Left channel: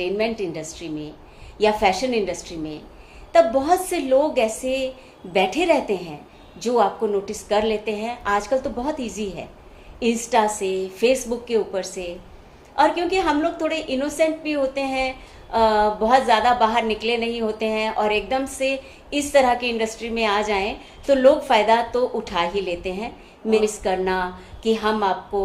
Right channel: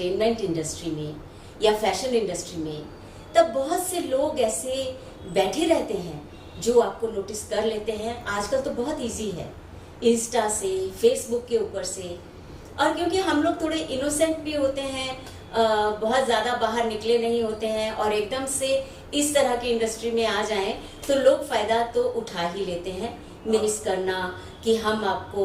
Entertainment industry में या fashion industry में, तब बहुत से लोग ऐसे बैठे रहते हैं जो आपको नोटिस कर लेते हैं। आजकल तो बहुत इजी है, इंस्टा से, फेसबुक के ऊपर से। और क्योंकि हम लोग थोड़े इनोसेंट भी होते हैं, बहुत ज़्यादा बाहर निकले नहीं होते हैं, और एकदम से इस तरह की इंडस्ट्री में आ जाएं तो लोग फ़ायदा तो उठा ही लेते हैं। मिस करना कि हम आपको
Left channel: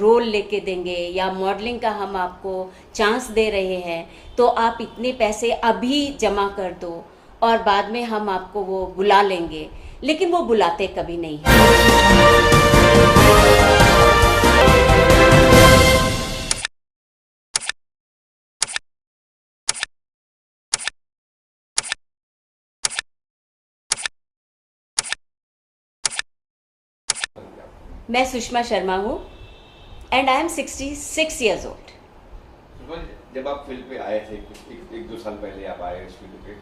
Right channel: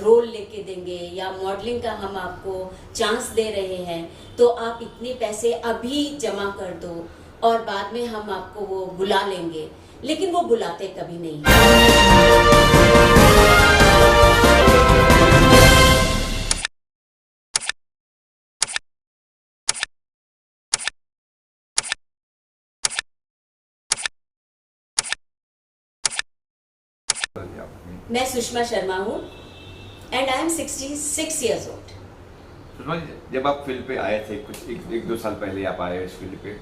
रोल लेके देंगे या मॉडलिंग का हम आपको चांस दे रहे हैं, तो आप इतने पैसे अभी जमा कर दो और बाद में हम आपको वो बुला लेंगे, लेकिन वो बुलाते कभी नहीं है। मैं सुषमा शर्मा हूँ and I am 66 years old. Sushma ji, जब आप फील्ड पे आए थे, कुछ एक दो साल पहले आप आए इस फील्ड पे,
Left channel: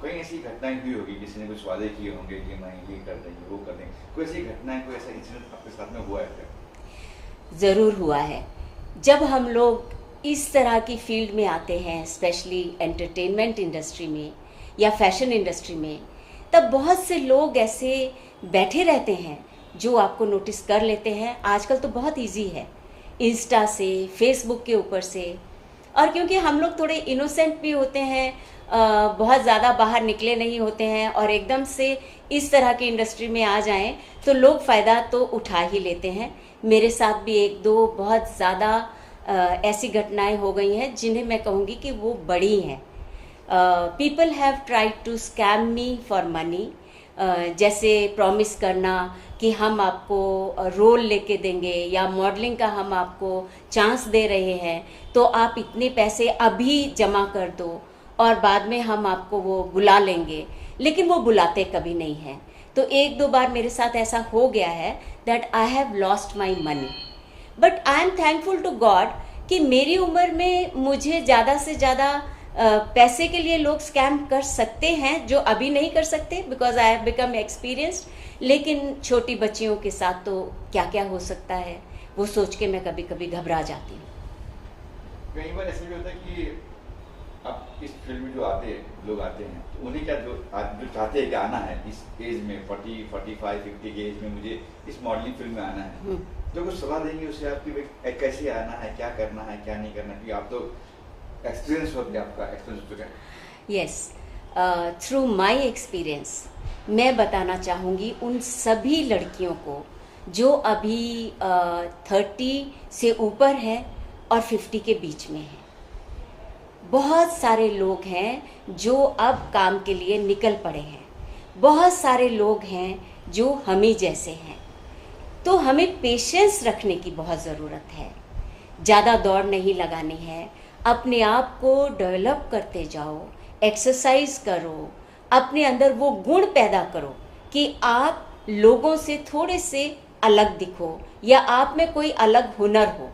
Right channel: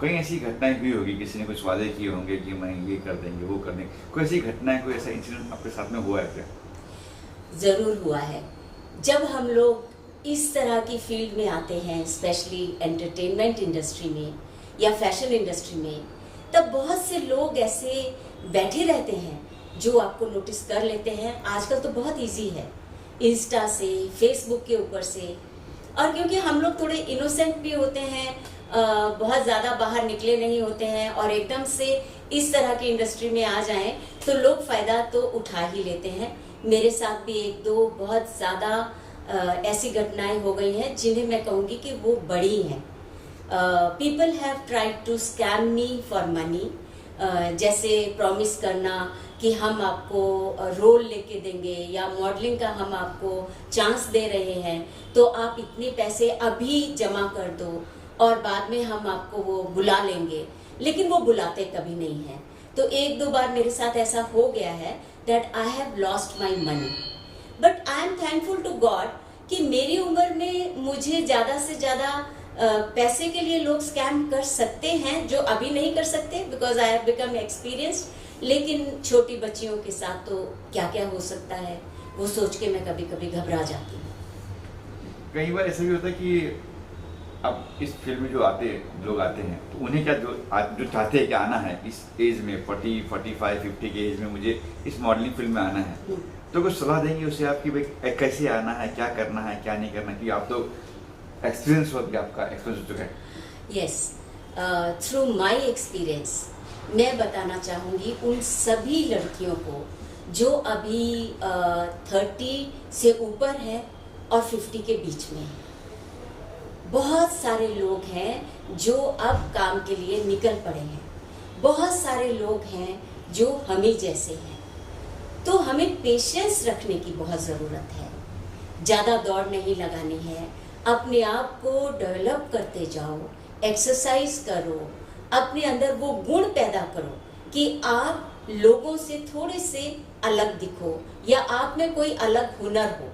कई ऐसी घटनाएं हुई होगी, किसी ने कुछ वादे किए होंगे कि मैं ये कर देंगे, वो कर देंगे, कोई ऐसी घटनाएं, कोई ऐसा इंसिडेंट आपके साथ में हुआ है क्या? ज़रूर हुआ है। जब हम लोग इस तरह की फील्ड में आते हैं, स्पेशली एंटरटेनमेंट इंडस्ट्री में या फैशन इंडस्ट्री में, तब बहुत से लोग ऐसे बैठे रहते हैं जो आपको नोटिस कर लेते हैं। आजकल तो बहुत इजी है, इंस्टा से, फेसबुक के ऊपर से। और क्योंकि हम लोग थोड़े इनोसेंट भी होते हैं, बहुत ज़्यादा बाहर निकले नहीं होते हैं, और एकदम से इस तरह की इंडस्ट्री में आ जाएं तो लोग फ़ायदा तो उठा ही लेते हैं। मेरे साथ भी एक दो बहुत ज़्यादा ऐसी घटनाएं हो गई हैं जिन्हें मैं कहूँगी कि वो बड़ी हैं। People have tried to scam me for money, जैसे प्रॉमिस करना कि हम आपको रोल लेके देंगे या मॉडलिंग का हम आपको चांस दे रहे हैं, तो आप इतने पैसे अभी जमा कर दो और बाद में हम आपको वो बुला लेंगे, लेकिन वो बुलाते कभी नहीं हैं। तो एक दो बार मेरे साथ ऐसा हो गया है that I have lost my money, but I am thankful to God कि मेरी उम्र में मुझे ज़्यादा से ज़्यादा पैसे के लिए लोग स्कैम कर सकते हैं जो अभी नहीं कर सकते, because I have become experienced. लेकिन छोटी बच्चियों के साथ तो क्या क्या हो सकता है, वो सोच के मैं कभी कभी घबरा जाती हूँ। कई बार ऐसा भी होता है कि अब इस फील्ड में जो लोग आते हैं, तो उन्हें क्या जो चाहते हैं कि आना है इस एज में, 40, 45, 50 के एज में मुझे इस मॉडलिंग फील्ड में आना है, तो कुछ सलाह देंगे उसे आप कि भाई कैसे आना है, क्या करना है, क्या नहीं करना, कि आप तो एक्सपीरियंस हो गया, आपका एक्सपीरियंस हो चुका है। यस, थ्रू माई एक्सपीरियंस मैं बताना चाहूँगी उन सभी लड़कियों को जो अभी 30 से ऊपर है और 50 के बीच में है। बहुत सारे लोग हैं जो अब काम के लिए निकल पड़े हैं, बहुत सारे लोग हैं जो हम ही जैसे हैं। तो हमें पेशेंस रखने की बहुत ज़रूरत है, ज़्यादा दौड़ नहीं लगानी है, अपने आप को डेवलप करते जाओ, एक्सरसाइज करो, अपने अंदर वो गुण पैदा करो कि आप लोगों से थोड़े से अलग दिखो या आप में कोई अलग हुनर हो।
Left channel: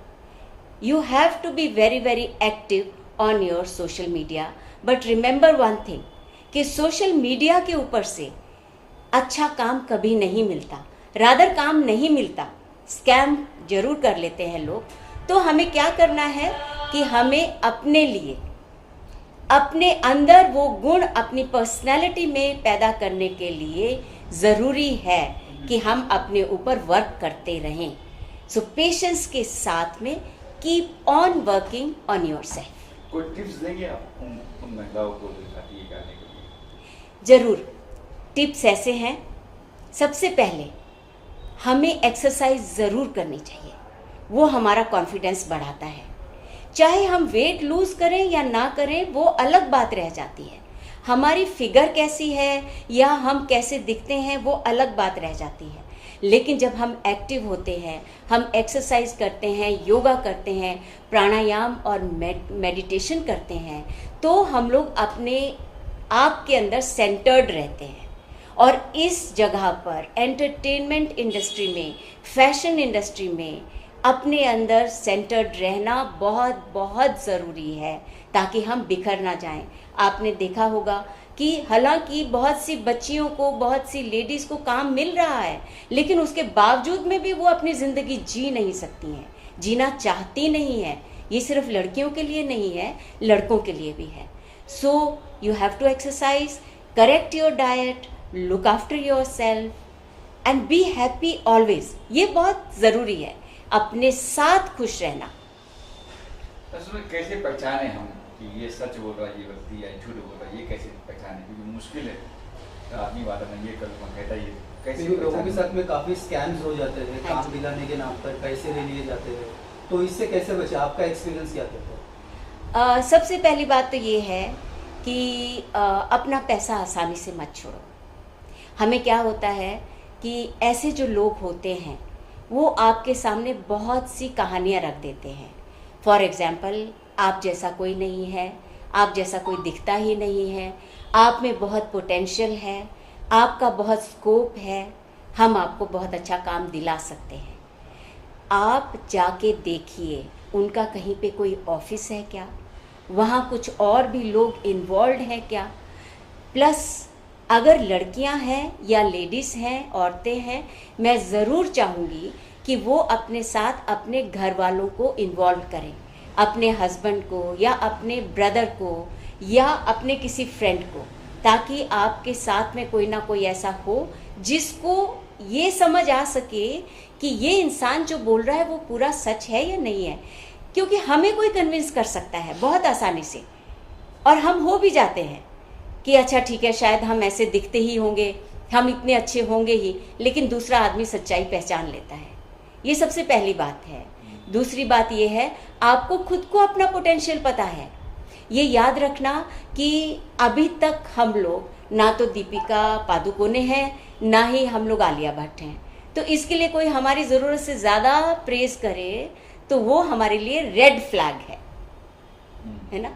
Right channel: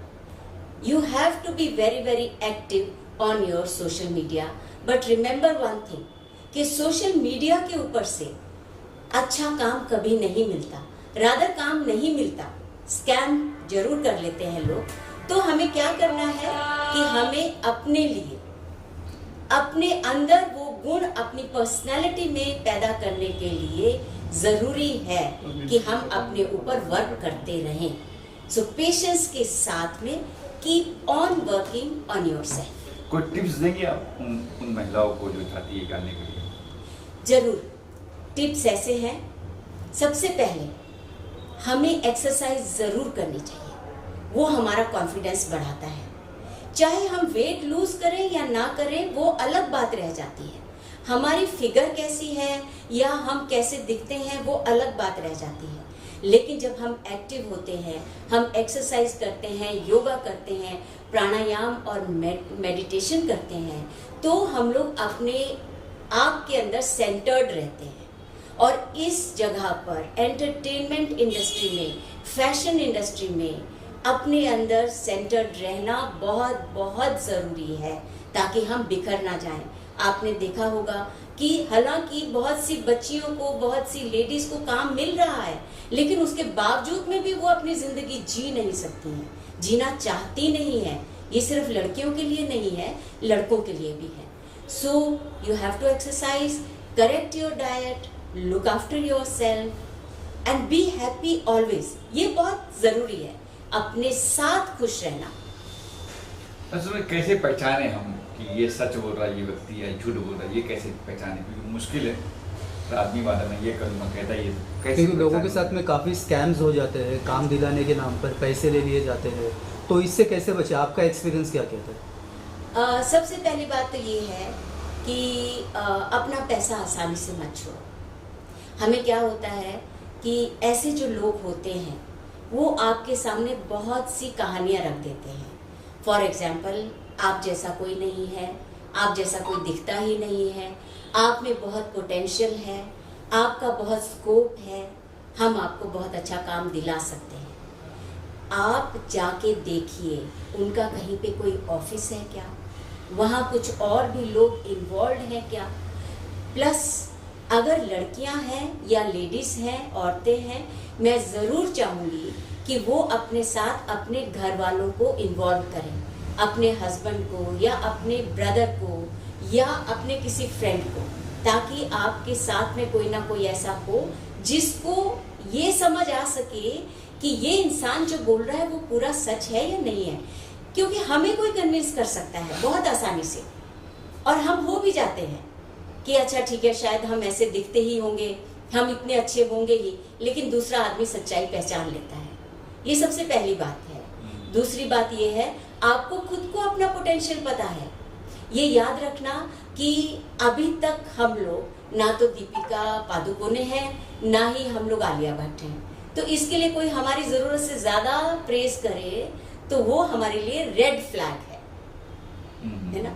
You have to be very very active on your social media, but remember one thing कि सोशल मीडिया के ऊपर से अच्छा काम कभी नहीं मिलता, रादर काम नहीं मिलता, स्कैम जरूर कर लेते हैं लोग। तो हमें क्या करना है कि हमें अपने लिए, अपने अंदर वो गुण अपनी पर्सनैलिटी में पैदा करने के लिए ज़रूरी है कि हम अपने ऊपर वर्क करते रहें। सो पेशेंस के साथ में keep on working on yourself. कोई टिप्स देंगे आप उन महिलाओं को जो चाहती है करने के लिए? ज़रूर, टिप्स ऐसे हैं। सबसे पहले हमें एक्सरसाइज ज़रूर करनी चाहिए, वो हमारा कॉन्फिडेंस बढ़ाता है। चाहे हम वेट लूज करें या ना करें वो अलग बात रह जाती है, हमारी फिगर कैसी है या हम कैसे दिखते हैं वो अलग बात रह जाती है। लेकिन जब हम एक्टिव होते हैं, हम एक्सरसाइज करते हैं, योगा करते हैं, प्राणायाम और मेडिटेशन करते हैं, तो हम लोग अपने आप के अंदर सेंटर्ड रहते हैं। और इस जगह पर एंटरटेनमेंट इंडस्ट्री में, फैशन इंडस्ट्री में अपने अंदर सेंटर्ड रहना बहुत बहुत ज़रूरी है ताकि हम बिखर ना जाएं। आपने देखा होगा कि हालांकि बहुत सी बच्चियों को, बहुत सी लेडीज़ को काम मिल रहा है, लेकिन उसके बावजूद में भी वो अपनी ज़िंदगी जी नहीं सकती हैं, जीना चाहती नहीं है, ये सिर्फ लड़कियों के लिए नहीं है, लड़कों के लिए भी है। So you have to exercise, correct your diet, look after yourself and be happy always. ये बहुत ज़रूरी है, अपने साथ खुश रहना। असल में कैसे पहचाने हम कि ये सच बोल रहा है ये व्यक्ति या झूठ बोल रहा है, ये कैसे पहचाने? क्योंकि मुश्किल है, तो आदमी वादा मैं ये करूँगा कहता है ये कैसे क्योंकि लोगों के पहचाने? साथ में काफ़ी स्कैम्स हो जाते हैं, काम दिलाने के नाम पर पैसे ले लिए जाते हैं, तो इससे कैसे बचे? आपका एक्सपीरियंस क्या कहता है? सबसे पहली बात तो ये है कि अपना पैसा आसानी से मत छोड़ो। हमें क्या होता है कि ऐसे जो लोग होते हैं वो आपके सामने बहुत सी कहानियाँ रख देते हैं। फॉर एग्ज़ाम्पल, आप जैसा कोई नहीं है, आप जैसा कोई दिखता ही नहीं है, आप में बहुत पोटेंशियल है, आपका बहुत स्कोप है, हम आपको बहुत अच्छा काम दिला सकते हैं। आप जाके देखिए उनका कहीं पे कोई ऑफिस है क्या, वहाँ कुछ और भी लोग इन्वॉल्व हैं क्या। प्लस अगर लड़कियां हैं या लेडीज़ हैं, औरतें हैं, मैं ज़रूर चाहूँगी कि वो अपने साथ अपने घर वालों को इन्वॉल्व करें, अपने हस्बैंड को या अपने ब्रदर को या अपने किसी फ्रेंड को, ताकि आपके साथ में कोई ना कोई ऐसा हो जिसको ये समझ आ सके कि ये इंसान जो बोल रहा है वो पूरा सच है या नहीं है। क्योंकि हमें कोई कन्विंस कर सकता है बहुत आसानी से, और हम हो भी जाते हैं कि अच्छा ठीक है, शायद हम ऐसे दिखते ही होंगे, हम इतने अच्छे होंगे ही, लेकिन दूसरा आदमी सच्चाई पहचान लेता है। ये सबसे पहली बात है। दूसरी बात ये है, आपको खुद को अपना पोटेंशियल पता है। ये याद रखना कि अभी तक हम लोग ना तो दीपिका पादुकोणे हैं, ना ही हम लोग आलिया भट्ट हैं। तो इसके लिए कोई हमारी ज़रूरत से ज़्यादा प्रेस करे तो वो हमारे लिए रेड फ्लैग है ना,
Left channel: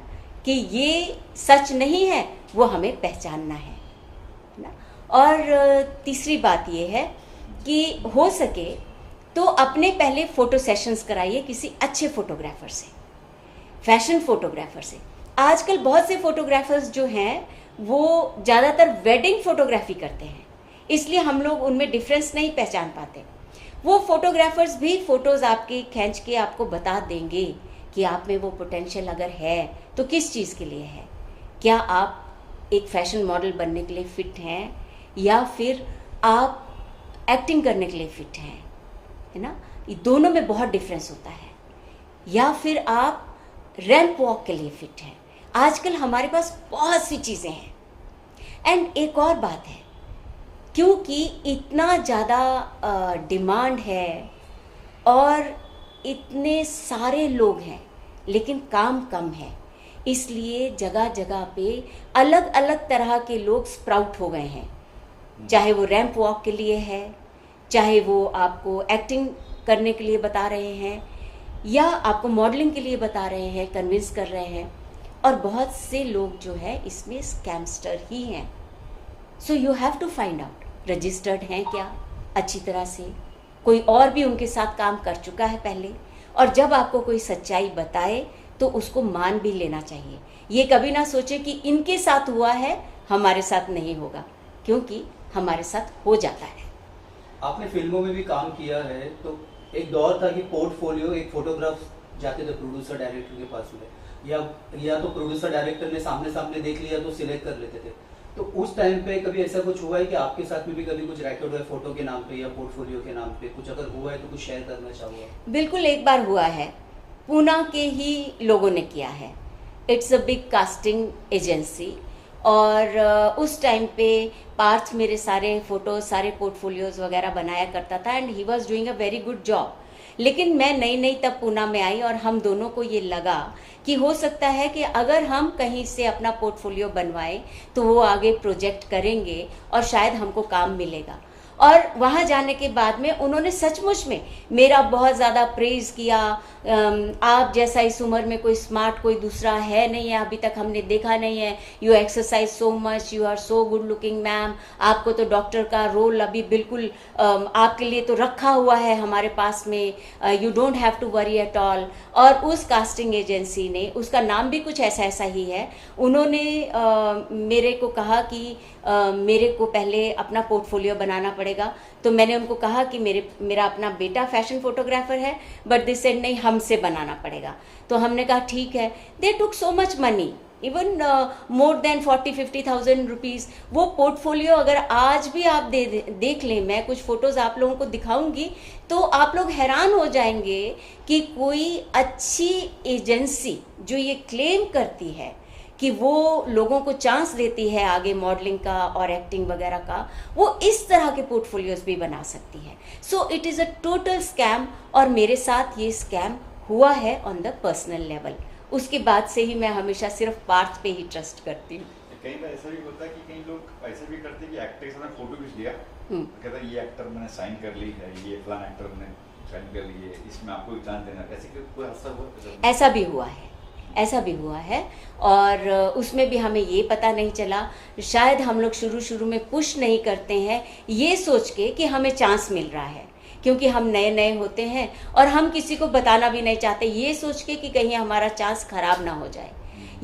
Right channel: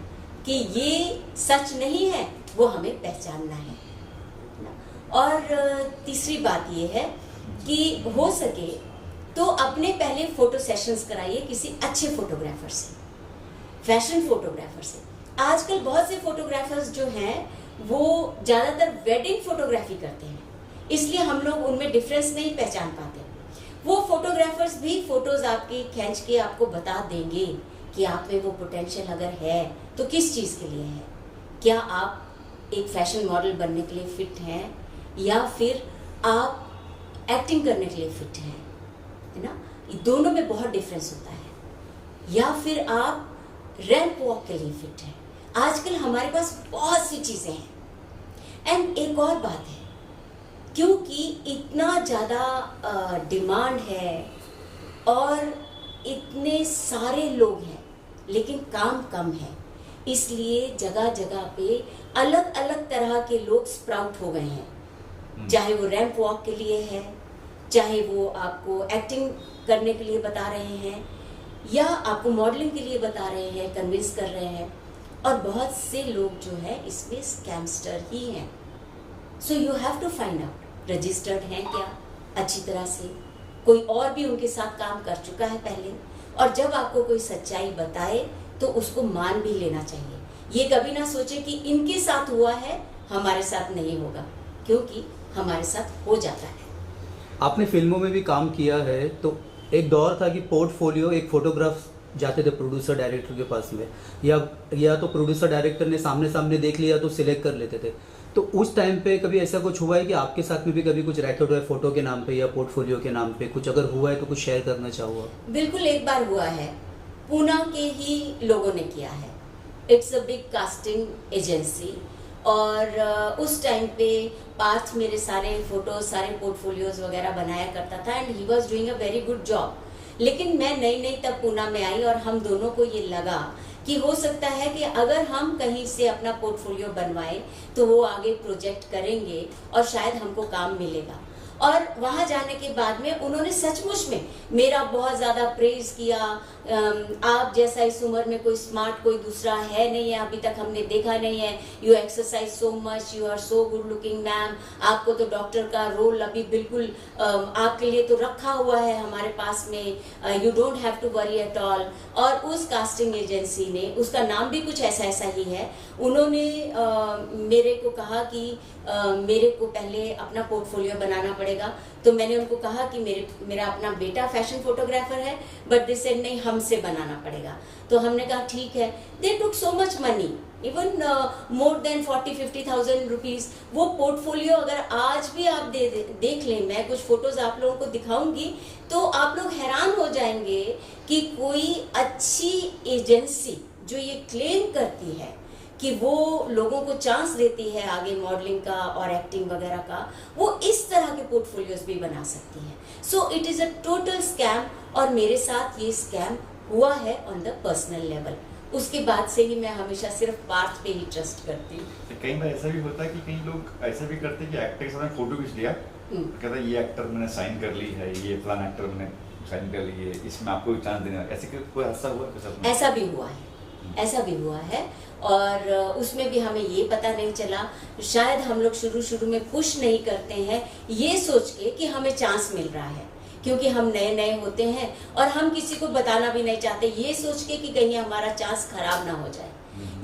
कि ये सच नहीं है, वो हमें पहचानना है ना। और तीसरी बात ये है कि हो सके तो अपने पहले फ़ोटो सेशंस कराइए किसी अच्छे फोटोग्राफर से, फैशन फोटोग्राफर से। आजकल बहुत से फोटोग्राफर्स जो हैं वो ज़्यादातर वेडिंग फोटोग्राफी करते हैं, इसलिए हम लोग उनमें डिफरेंस नहीं पहचान पाते। वो फोटोग्राफर्स भी फ़ोटोज़ आपके खींच के आपको बता देंगे कि आप में वो पोटेंशियल अगर है तो किस चीज़ के लिए है। क्या आप एक फैशन मॉडल बनने के लिए फ़िट हैं, या फिर आप एक्टिंग करने के लिए फ़िट हैं, है ना। ये दोनों में बहुत डिफरेंस होता है। या फिर आप रैंप वॉक के लिए फ़िट हैं। आजकल हमारे पास बहुत सी चीज़ें हैं। एंड एक और बात है, क्योंकि इतना ज़्यादा डिमांड है और इतने सारे लोग हैं लेकिन काम कम है, इसलिए जगह जगह पे अलग अलग तरह के लोग स्प्राउट हो गए हैं। चाहे वो रैंप वॉक के लिए है, चाहे वो आपको एक्टिंग करने के लिए बता रहे हैं, या आपको मॉडलिंग के लिए बता रहे हैं, कन्विंस कर रहे हैं। और बहुत से लोग जो है इसमें स्कैमस्टर ही हैं। So you have to find out registered हैं क्या अच्छी तरह से, कोई और भी उनके साथ काम कर चुका है पहले, और जब आपको कोई सच्चाई बताए तो उसको मान भी लेना चाहिए। ये कभी ना सोचे कि इनके साथ हुआ है हमारे साथ नहीं होगा, क्योंकि हमारे साथ हो जाता है। आपने फिल्मों में भी काम किया है, तो एक दौर था कि पोर्टफोलियो, एक फोटोग्राफ जाते थे प्रोड्यूसर डायरेक्टर के पास में, या तो प्रोड्यूसर डायरेक्टर ने सामने सामने देख लिया तो सिलेक्ट कर लेते थे। तो उस टाइम पे कभी ऐसा कुछ हुआ है कि आपके साथ में भी कभी कुछ रैकेट हुआ है फोटो के नाम पे या पोर्टफोलियो के नाम पे? कुछ अगर हुआ है तो कुछ शेयर करना चाहूँगा। बिल्कुल, एक बार हुआ है, पूना के ही लोगों ने किया है। It's a big casting agency, और उस टाइम पे पार्थ मेरे सारे फोटोज, सारे पोर्टफोलियोज वगैरह बनाया करता था, and he was doing a very good job. लेकिन मैं नई नई तब पूना में आई, और हम दोनों को ये लगा कि हो सकता है कि अगर हम कहीं से अपना पोर्टफोलियो बनवाएं तो वो आगे प्रोजेक्ट करेंगे और शायद हमको काम मिलेगा। और वहाँ जाने के बाद में उन्होंने सचमुच में मेरा बहुत ज़्यादा प्रेज़ किया। आप जैसा इस उम्र में कोई स्मार्ट कोई दूसरा है नहीं है, अभी तक हमने देखा नहीं है। You exercise so much, you are so good looking ma'am, आपको तो डॉक्टर का रोल अभी बिल्कुल आपके लिए तो रखा हुआ है हमारे पास में, you don't have to worry at all. और उस कास्टिंग एजेंसी ने, उसका नाम भी कुछ ऐसा ऐसा ही है, उन्होंने मेरे को कहा कि मेरे को पहले अपना पोर्टफोलियो बनाना पड़ेगा, पड़ेगा। तो मैंने उनको कहा कि मेरा अपना बेटा फैशन फोटोग्राफर है, बट दे सेड नहीं, हमसे बनाना पड़ेगा। तो हमने कहा ठीक है। They took so much money, even more than 40-50,000 rupees. वो पोर्टफोलियो अगर आज भी आप देख लें, मैं कुछ फोटोज आप लोगों को दिखाऊंगी, तो आप लोग हैरान हो जाएंगे कि कोई अच्छी एजेंसी जो ये क्लेम करती है कि वो लोगों को चांस देती है आगे मॉडलिंग का और एक्टिंग वगैरह का, वो इस तरह के पोर्टफोलियोज भी बना सकती है। So it is a total scam, और मेरे साथ ये स्कैम हुआ है ऑन द पर्सनल लेवल। उसके बाद से ही मैं हमेशा सिर्फ पार्थ पे ही ट्रस्ट करती हूँ। कई बार ऐसा भी होता है कि कई लोग ऐसा भी करते हैं कि एक्टर के साथ फोटो खींच लिया, कहता है ये एक्टर मैंने साइन कर ली है, ये फलाना एक्टर मैंने साइन कर ली है, इसमें आपको चांस देना, ऐसे कोई हादसा हुआ है? ऐसा भी हुआ है, ऐसा भी हुआ है। और उसमें भी हमें ये पता नहीं चला, शायद हम लोग शुरू में पुश नहीं करते हैं ये सोच के कि हमें चांस मिल रहा है, क्योंकि हम नए नए होते हैं और हम किसी को बताना भी नहीं चाहते, ये सोच के कि कहीं हमारा चांस खराब ना हो जाए।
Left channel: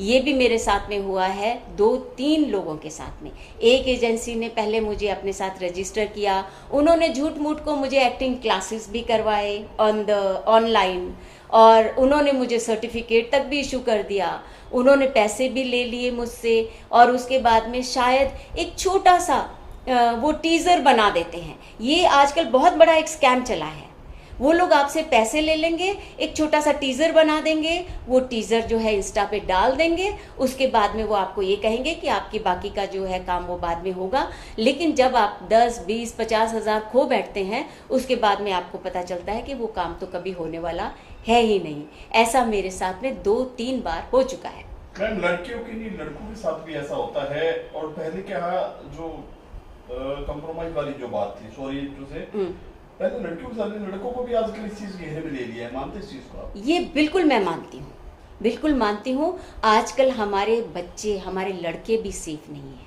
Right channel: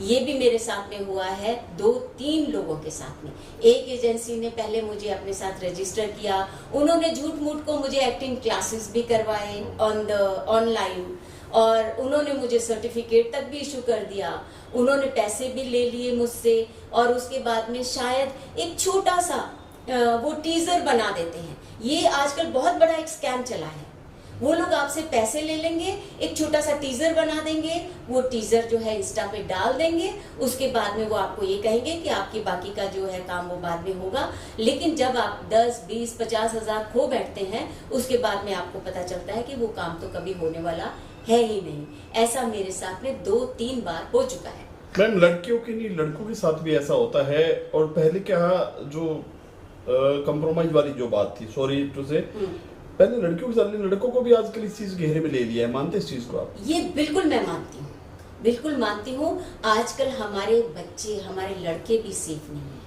ये भी मेरे साथ में हुआ है 2-3 लोगों के साथ में। एक एजेंसी ने पहले मुझे अपने साथ रजिस्टर किया, उन्होंने झूठ मूठ को मुझे एक्टिंग क्लासेस भी करवाए ऑनलाइन, और उन्होंने मुझे सर्टिफिकेट तक भी इशू कर दिया, उन्होंने पैसे भी ले लिए मुझसे, और उसके बाद में शायद एक छोटा सा वो टीजर बना देते हैं। ये आजकल बहुत बड़ा एक स्कैम चला है। वो लोग आपसे पैसे ले लेंगे, एक छोटा सा टीजर बना देंगे, वो टीजर जो है इंस्टा पे डाल देंगे, उसके बाद में वो आपको ये कहेंगे कि आपकी बाकी का जो है काम वो बाद में होगा। लेकिन जब आप 10, 20, 50 हज़ार खो बैठते हैं, उसके बाद में आपको पता चलता है कि वो काम तो कभी होने वाला है ही नहीं। ऐसा मेरे साथ में 2-3 बार हो चुका है। मैम, लड़कियों के नहीं लड़कों के साथ भी ऐसा होता है। और पहले क्या जो कंप्रोमाइज वाली जो बात थी, सॉरी टू से, पहले लड़कियों के साथ लड़कों को भी आजकल इस चीज घेरे में ले लिया है, मानते इस चीज को आप? ये बिल्कुल मैं मानती हूँ, बिल्कुल मानती हूँ। आजकल हमारे बच्चे, हमारे लड़के भी सेफ नहीं है।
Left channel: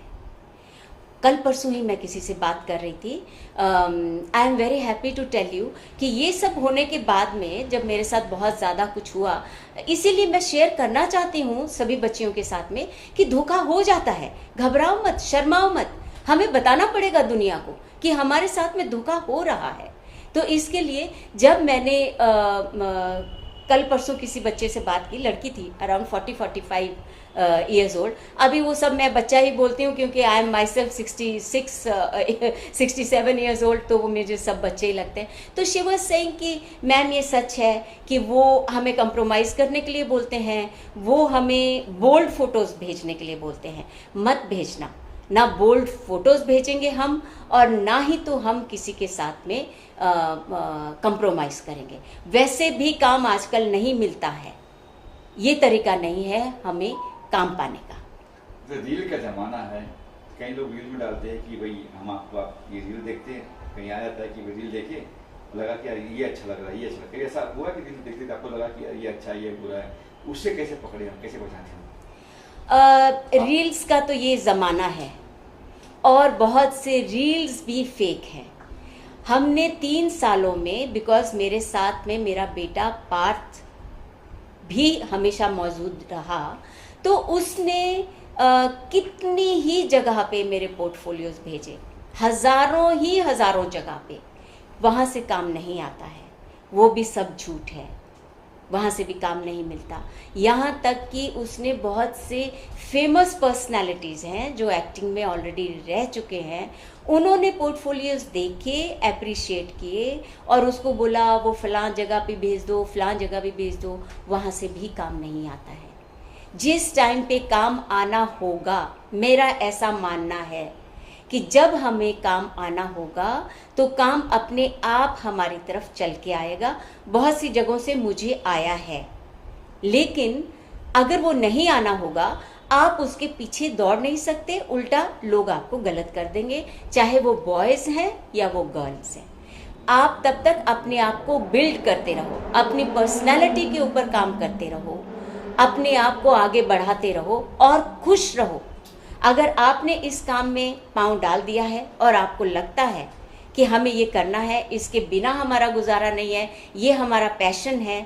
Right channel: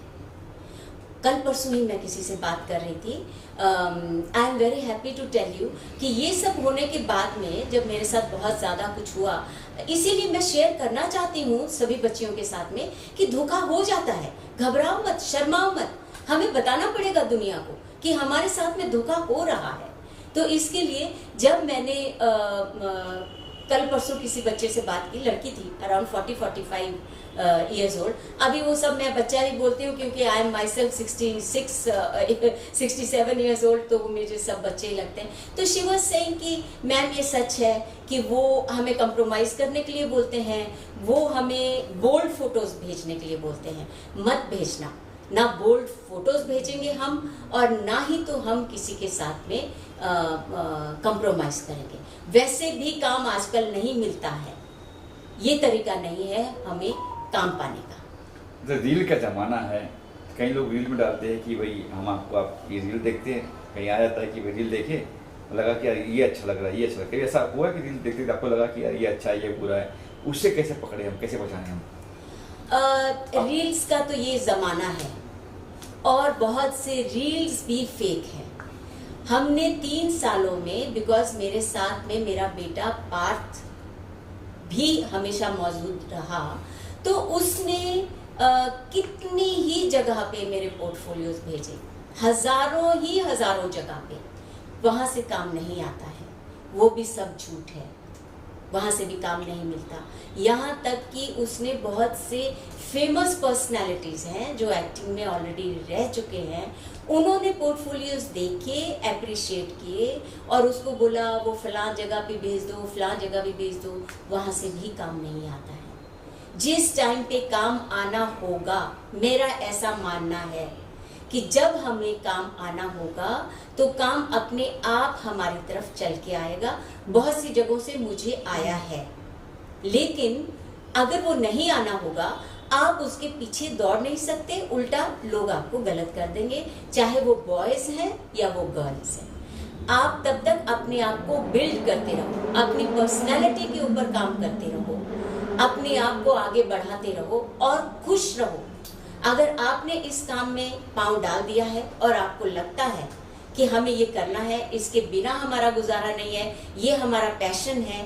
कल परसों ही मैं किसी से बात कर रही थी, I am very happy to tell you कि ये सब होने के बाद में जब मेरे साथ बहुत ज़्यादा कुछ हुआ, इसीलिए मैं शेयर करना चाहती हूँ सभी बच्चियों के साथ में कि धोखा हो जाता है, घबराओ मत, शर्माओ मत, हमें बताना पड़ेगा दुनिया को कि हमारे साथ में धोखा हो रहा है। तो इसके लिए जब मैंने कल परसों किसी बच्चे से बात की, लड़की थी अराउंड 40-45 ईयर्स ओल्ड, अभी वो सब मैं बच्चा ही बोलती हूँ क्योंकि I am my self 67 years old, तो वो मुझे सब बच्चे ही लगते हैं। तो शी वाज सेइंग कि मैम ये सच है कि वो हमें कंप्रोमाइज़ करने के लिए बोलते हैं, वो हमें बोल्ड फोटोज़ भेजने के लिए बोलते हैं। मत भेजना, ना बोल्ड फोटोज़ भेजेंगे हम, और ना ही तो हम किसी के साथ में कंप्रोमाइज़ करेंगे। वैसे भी काम आजकल नहीं मिलता है, ये तरीका नहीं है हमें काम पाने का। रील का जमाना है, कई लोग रील में डालते हैं कि भाई हम आपको, आप ये रील देखते हैं, कहीं आ जाता है कि भाई रील देखे, लगा कि यार ये अच्छा लग रहा है, ये अच्छा लग रहा है। ऐसा हुआ कि रील देखते थे आपको लगा कि यार ये अच्छा है, ये बुरा है, उससे कैसे पकड़े हम, कैसे पहचाने हम? रील्स का तो ये ज़माना है, और बहुत से रील्स भी फेक हैं। हमने 3 सालों में, बिकॉज मेरे साथ में मेरा बेटा पार्थ भी हमेशा मौजूद रहा, तो उसने कितनी ही जगह पे मेरे पोर्टफोलियोज भेजे, हजारों जगह पे। वहाँ से काम नहीं आता है, वो भी सब झूठ है, वहाँ से भी काम नहीं मिलता। यहाँ तक कि उसने बहुत से फेमस पर्सनालिटीज़ हैं जो एक्टिंग में ऑलरेडी रह चुके हैं, उन्होंने पोर्टफोलियोज देखे, अप्रिशिएट किए, और उसको बोला वो फलां जगह पे भेज दो, फलां जगह पे भेज दो, वहाँ से भी काम नहीं आता है। जिस टाइम पे काम आना होगा, मेरा ऐसा मानना है कि जब हमें काम आना होगा तो काम अपने आप हमारी तरफ चल के आएगा। बहुत सी जगहों से मुझे आया है, लेकिन अगर वो नहीं आना होगा, आप उसके पीछे दौड़ नहीं सकते, उल्टा लोग आपको गलत कर देंगे, चाहे वो बॉयज हैं या वो गर्ल्स हैं। आप तब तक अपने आप को बिल्ड करते रहो, अपनी पर्सनालिटी के ऊपर काम करते रहो, अपने आप को आगे बढ़ाते रहो और खुश रहो। अगर आपने इस काम में पांव डाल दिया है और आपको लगता है कि हमें ये करना है, इसके बिना हमारा गुजारा नहीं है, ये हमारा पैशन है,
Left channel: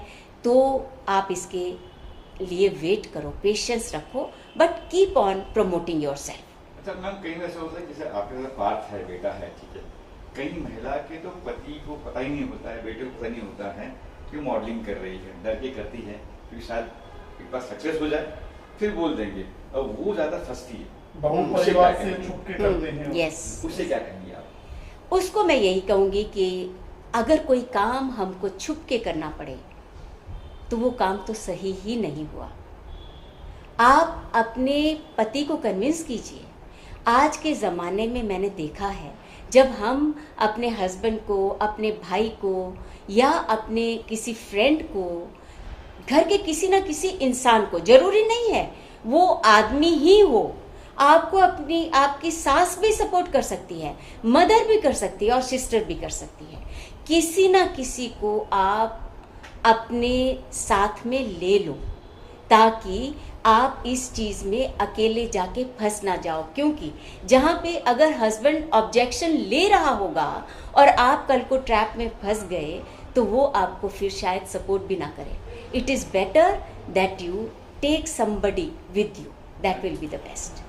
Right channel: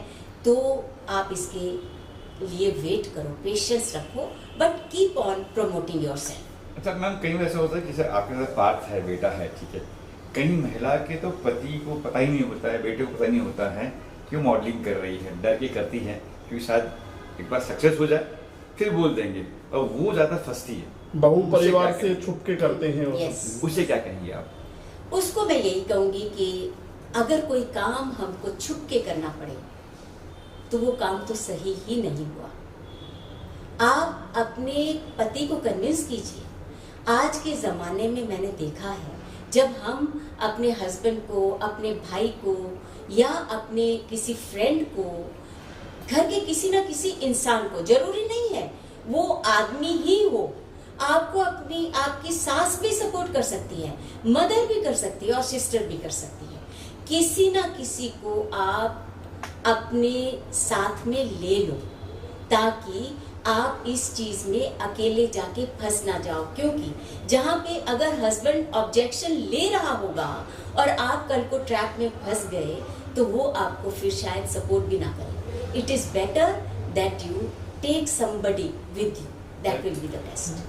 तो आप इसके लिए वेट करो, पेशेंस रखो, but keep on promoting yourself. अच्छा मैम, कई बार ऐसा होता है कि जैसे आपके साथ पार्थ है, बेटा है, ठीक है, कई महिला के तो पति को पता ही नहीं होता है, बेटे को पता नहीं होता है कि वो मॉडलिंग कर रही है, डर के करती है क्योंकि शायद एक बार सक्सेस हो जाए फिर बोल देंगे, और वो ज़्यादा फंसती है। बहु परिवार उसे से क्या छुप के करते हैं वो। यस, उसे क्या कहेंगे आप? उसको मैं यही कहूंगी कि अगर कोई काम हमको छुप के करना पड़े तो वो काम तो सही ही नहीं हुआ। आप अपने पति को कन्विंस कीजिए। आज के ज़माने में मैंने देखा है, जब हम अपने हस्बैंड को, अपने भाई को या अपने किसी फ्रेंड को, घर के किसी ना किसी इंसान को, जरूरी नहीं है वो आदमी ही हो, आपको अपनी आपकी सास भी सपोर्ट कर सकती है, मदर भी कर सकती है और सिस्टर भी कर सकती है। किसी ना किसी को आप अपने साथ में ले लो ताकि आप इस चीज में अकेले जाके फंस ना जाओ, क्योंकि जहाँ पे अगर हस्बैंड ऑब्जेक्शन ले रहा होगा और आप कल को ट्रैप में फंस गए तो वो आपको फिर शायद सपोर्ट भी ना करे। It is better that you take somebody with you, that will be the best.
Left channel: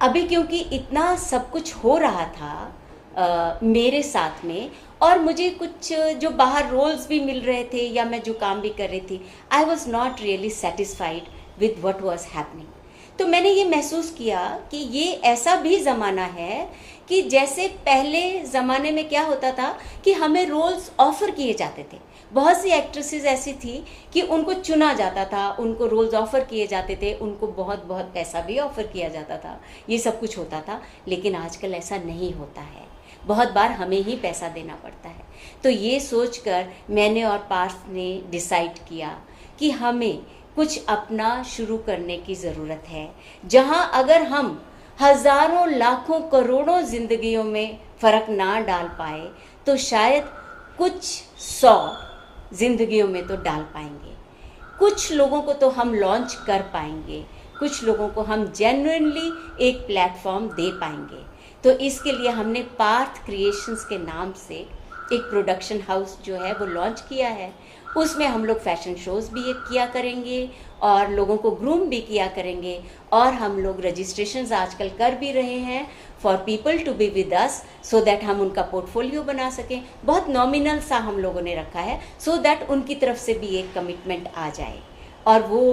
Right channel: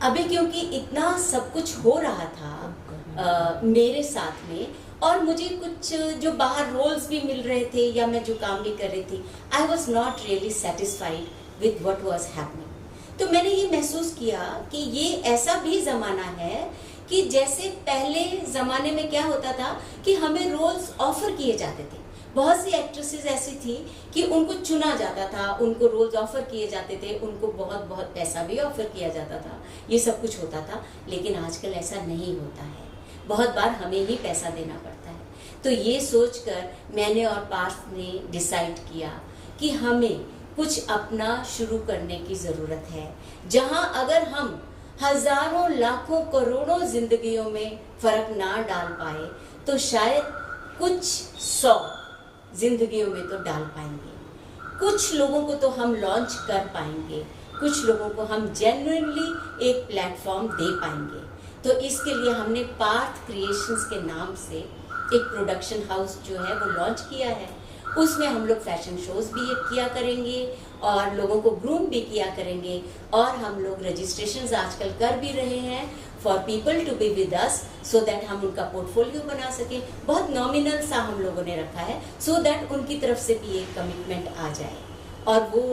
अभी क्योंकि इतना सब कुछ हो रहा था मेरे साथ में, और मुझे कुछ जो बाहर रोल्स भी मिल रहे थे या मैं जो काम भी कर रही थी, I was not really satisfied with what was happening. तो मैंने ये महसूस किया कि ये ऐसा भी ज़माना है कि जैसे पहले ज़माने में क्या होता था कि हमें रोल्स ऑफर किए जाते थे। बहुत सी एक्ट्रेसेस ऐसी थी कि उनको चुना जाता था, उनको रोल्स ऑफर किए जाते थे, उनको बहुत बहुत पैसा भी ऑफर किया जाता था, ये सब कुछ होता था। लेकिन आजकल ऐसा नहीं होता है, बहुत बार हमें ही पैसा देना पड़ता है। तो ये सोचकर मैंने और पार्थ ने डिसाइड किया कि हमें कुछ अपना शुरू करने की ज़रूरत है, जहां अगर हम हजारों लाखों करोड़ों जिंदगियों में फ़र्क ना डाल पाए तो शायद कुछ 100 जिंदगियों में तो डाल पाएंगे। कुछ लोगों को तो हम लॉन्च कर पाएंगे, कुछ लोगों को हम जेन्युइनली एक प्लेटफॉर्म दे पाएंगे। तो इसके लिए हमने पार्थ क्रिएशंस के नाम से एक प्रोडक्शन हाउस जो है वो लॉन्च किया है। उसमें हम लोग फैशन शोज भी किया करेंगे और लोगों को ग्रूम भी किया करेंगे, और हम लोग रजिस्ट्रेशंस आजकल कर भी रहे हैं for people to be with us, so that हम उनका पोर्टफोलियो बना सकें। बहुत नॉमिनल सा हम लोगों ने रखा है, सो दैट उनकी तरफ से भी एक कमिटमेंट आ जाए, और वो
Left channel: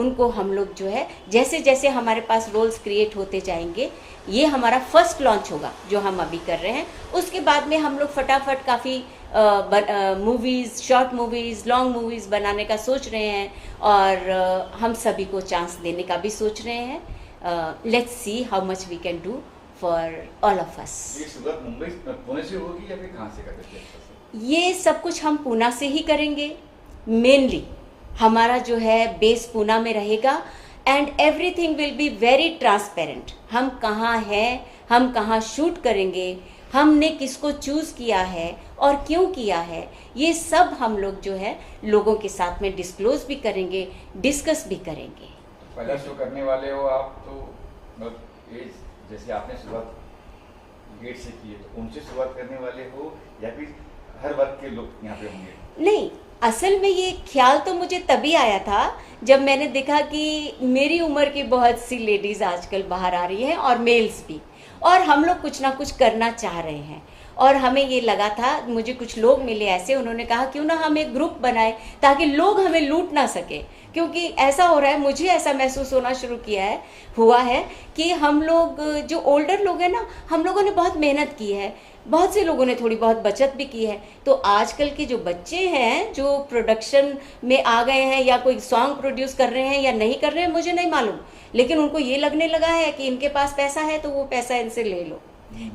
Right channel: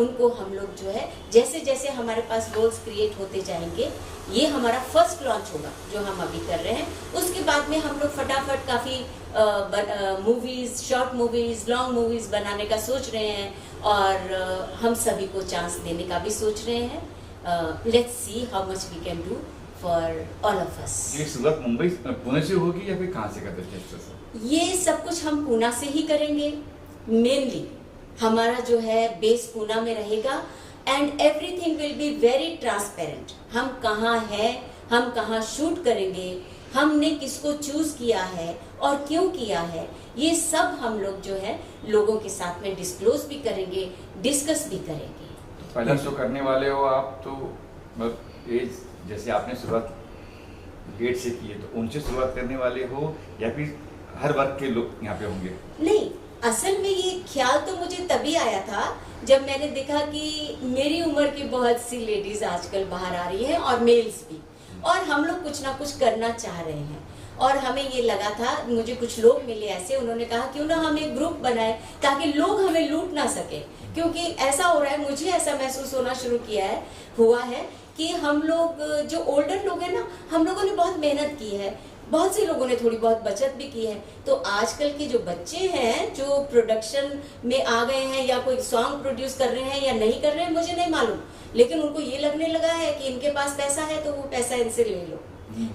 उनको हम लोग जो है जैसे जैसे हमारे पास रोल्स क्रिएट होते जाएंगे, ये हमारा फर्स्ट लॉन्च होगा जो हम अभी कर रहे हैं। उसके बाद में हम लोग फटाफट काफ़ी movies, short movies, long movies बनाने का सोच रहे हैं, और हम सभी को चांस देने का भी सोच रहे हैं। Let's see how much we can do for all of us. ये शुरुआत मुंबई पुणे से होगी या फिर कहाँ से करते थे? ये सब कुछ हम पूना से ही करेंगे। मेनली हमारा जो है बेस पूना में रहेगा, and everything will be very transparent. हम कहाँ हैं, हम कहाँ शूट करेंगे, हमने किसको चूज किया है और क्यों किया है, ये सब हम लोग जो है लोगों के साथ में डिस्क्लोज भी करेंगे, डिस्कस भी करेंगे। पहला शो करने वाले हो आप, तो मतलब एज जैसे आपने शुरुआत गेट से की है, तो उनसे शुरुआत करने वाले हो या फिर हर वर्ग के लोग यहाँ पे होंगे? नहीं, असल में ये ख्याल तो मुझे तभी आया था जब मैंने देखा कि मेरी उम्र की बहुत सी लेडीज आजकल बाहर आ रही हैं, और मेल्स भी, और हम लोग कुछ ना कुछ करना चाह रहे हैं। और हमें ये लगा था, मुझे कुछ लोग मिले ऐसे, उन्होंने कहा क्यों ना हम एक ग्रुप बनाए ताकि लोग हमें लूट ना सके, क्योंकि ऐसा हो रहा है, मुझे ऐसा महसूस होना शुरू हुआ है कि हम लोग जो ओल्डर लोग हैं ना, हम लोगों ने बहुत मेहनत की है, बहुत से लोगों ने थोड़ी बहुत बचत भी की है। तो आजकल के जो बच्चे हैं जो प्रोडक्शन में आ गए हैं, या कोई सॉन्ग प्रोड्यूस कर रहे हैं या नहीं कर रहे हैं मुझे नहीं मालूम, लेकिन उनको ये लगने लगा है कि इनके पास पैसा है तो वो पैसा इनसे ले लो।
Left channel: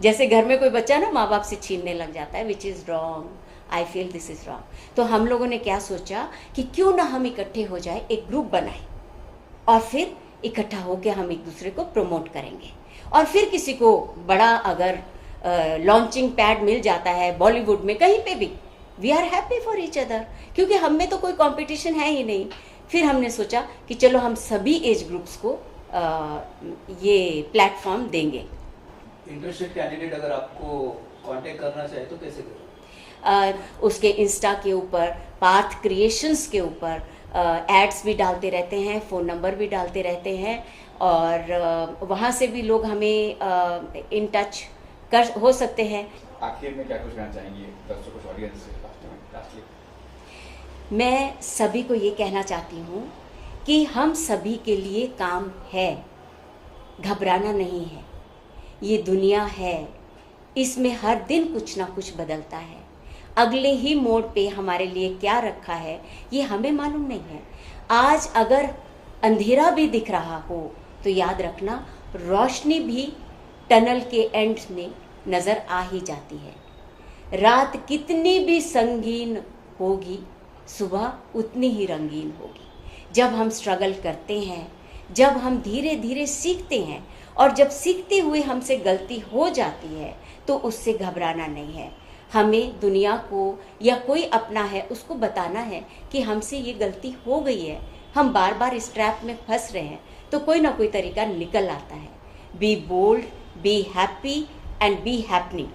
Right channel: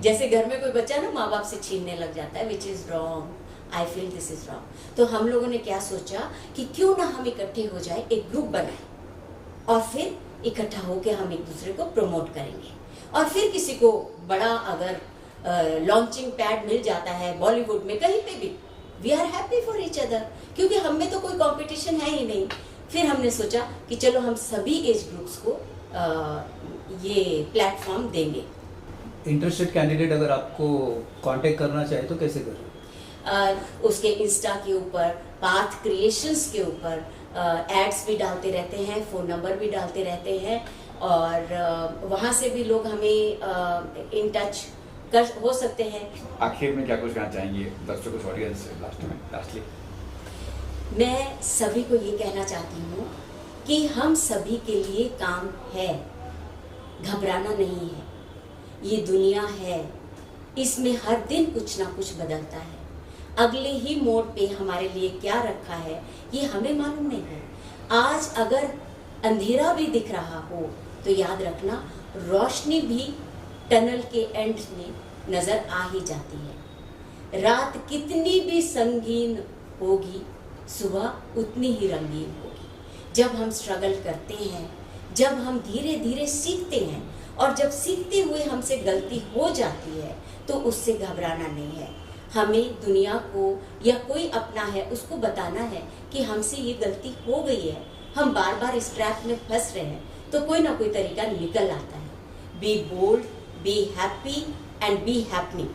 जैसे घर में कोई बच्चा ना माँ बाप से छीनने लग जाता है, which is wrong. I feel this is wrong. तो हम लोगों ने क्या सोचा कि क्यों ना हम इकट्ठे हो जाए, एक ग्रुप बनाए, और फिर इकट्ठा होकर हम एक दूसरे को प्रमोट करेंगे। और फिर किसी को बड़ा अगर लॉन्चिंग पैड मिल जाता है बॉलीवुड में कहीं पे भी, we are happy for each other, क्योंकि हम में तो कोई कंपटीशन है ही नहीं। फिर हमने सोचा कि चलो हम सभी एज ग्रुप्स को ये प्लेटफॉर्म देंगे। इंटरेस्टेड कैंडिडेट अगर आपको कांटेक्ट करना चाहे तो कैसे करें? उसके इंस्टा के ऊपर, पार्थ क्रिएशंस के ऊपर एड्स भी डालते रहते हैं, फ़ोन नंबर भी डालते रहते हैं, और वहाँ से भी लोग हमें इन टच कर हो सकते हैं। आखिर में क्या कुछ कहना चाहेंगे दर्शकों, ऑडियंस, लास्टली? मैं सभी को ये कहना चाहती हूँ कि हम सभी के लिए काम है, घबराना नहीं है। ये दुनिया है, इसमें हर दिन कुछ ना कुछ बदलता है। अगले ही मोड़ पे हमारे लिए क्या रखा है ये हमें मालूम नहीं है। आज अगर अंधेरा भी दिख रहा हो तो याद रखना रोशनी भी टनल के एंड में नजर आ ही जाती है। रात कितनी भी संगीन होगी, सुबह उतनी ही रंगीन होगी। जब हम स्ट्रगल करते हैं, जब हम धीरे धीरे सीखते हैं और जब सीखते हुए हमसे गलती हो जाती है तो उससे घबराना नहीं है। हमें दुनिया को या कोई अपना है उसको बताना है कि हमसे ये गलती हो गई है, हम बार बार इस ट्रैप में फंस रहे हैं, तो कोई ना कोई तरीका निकल आता है। Be bold, be happy and be happening.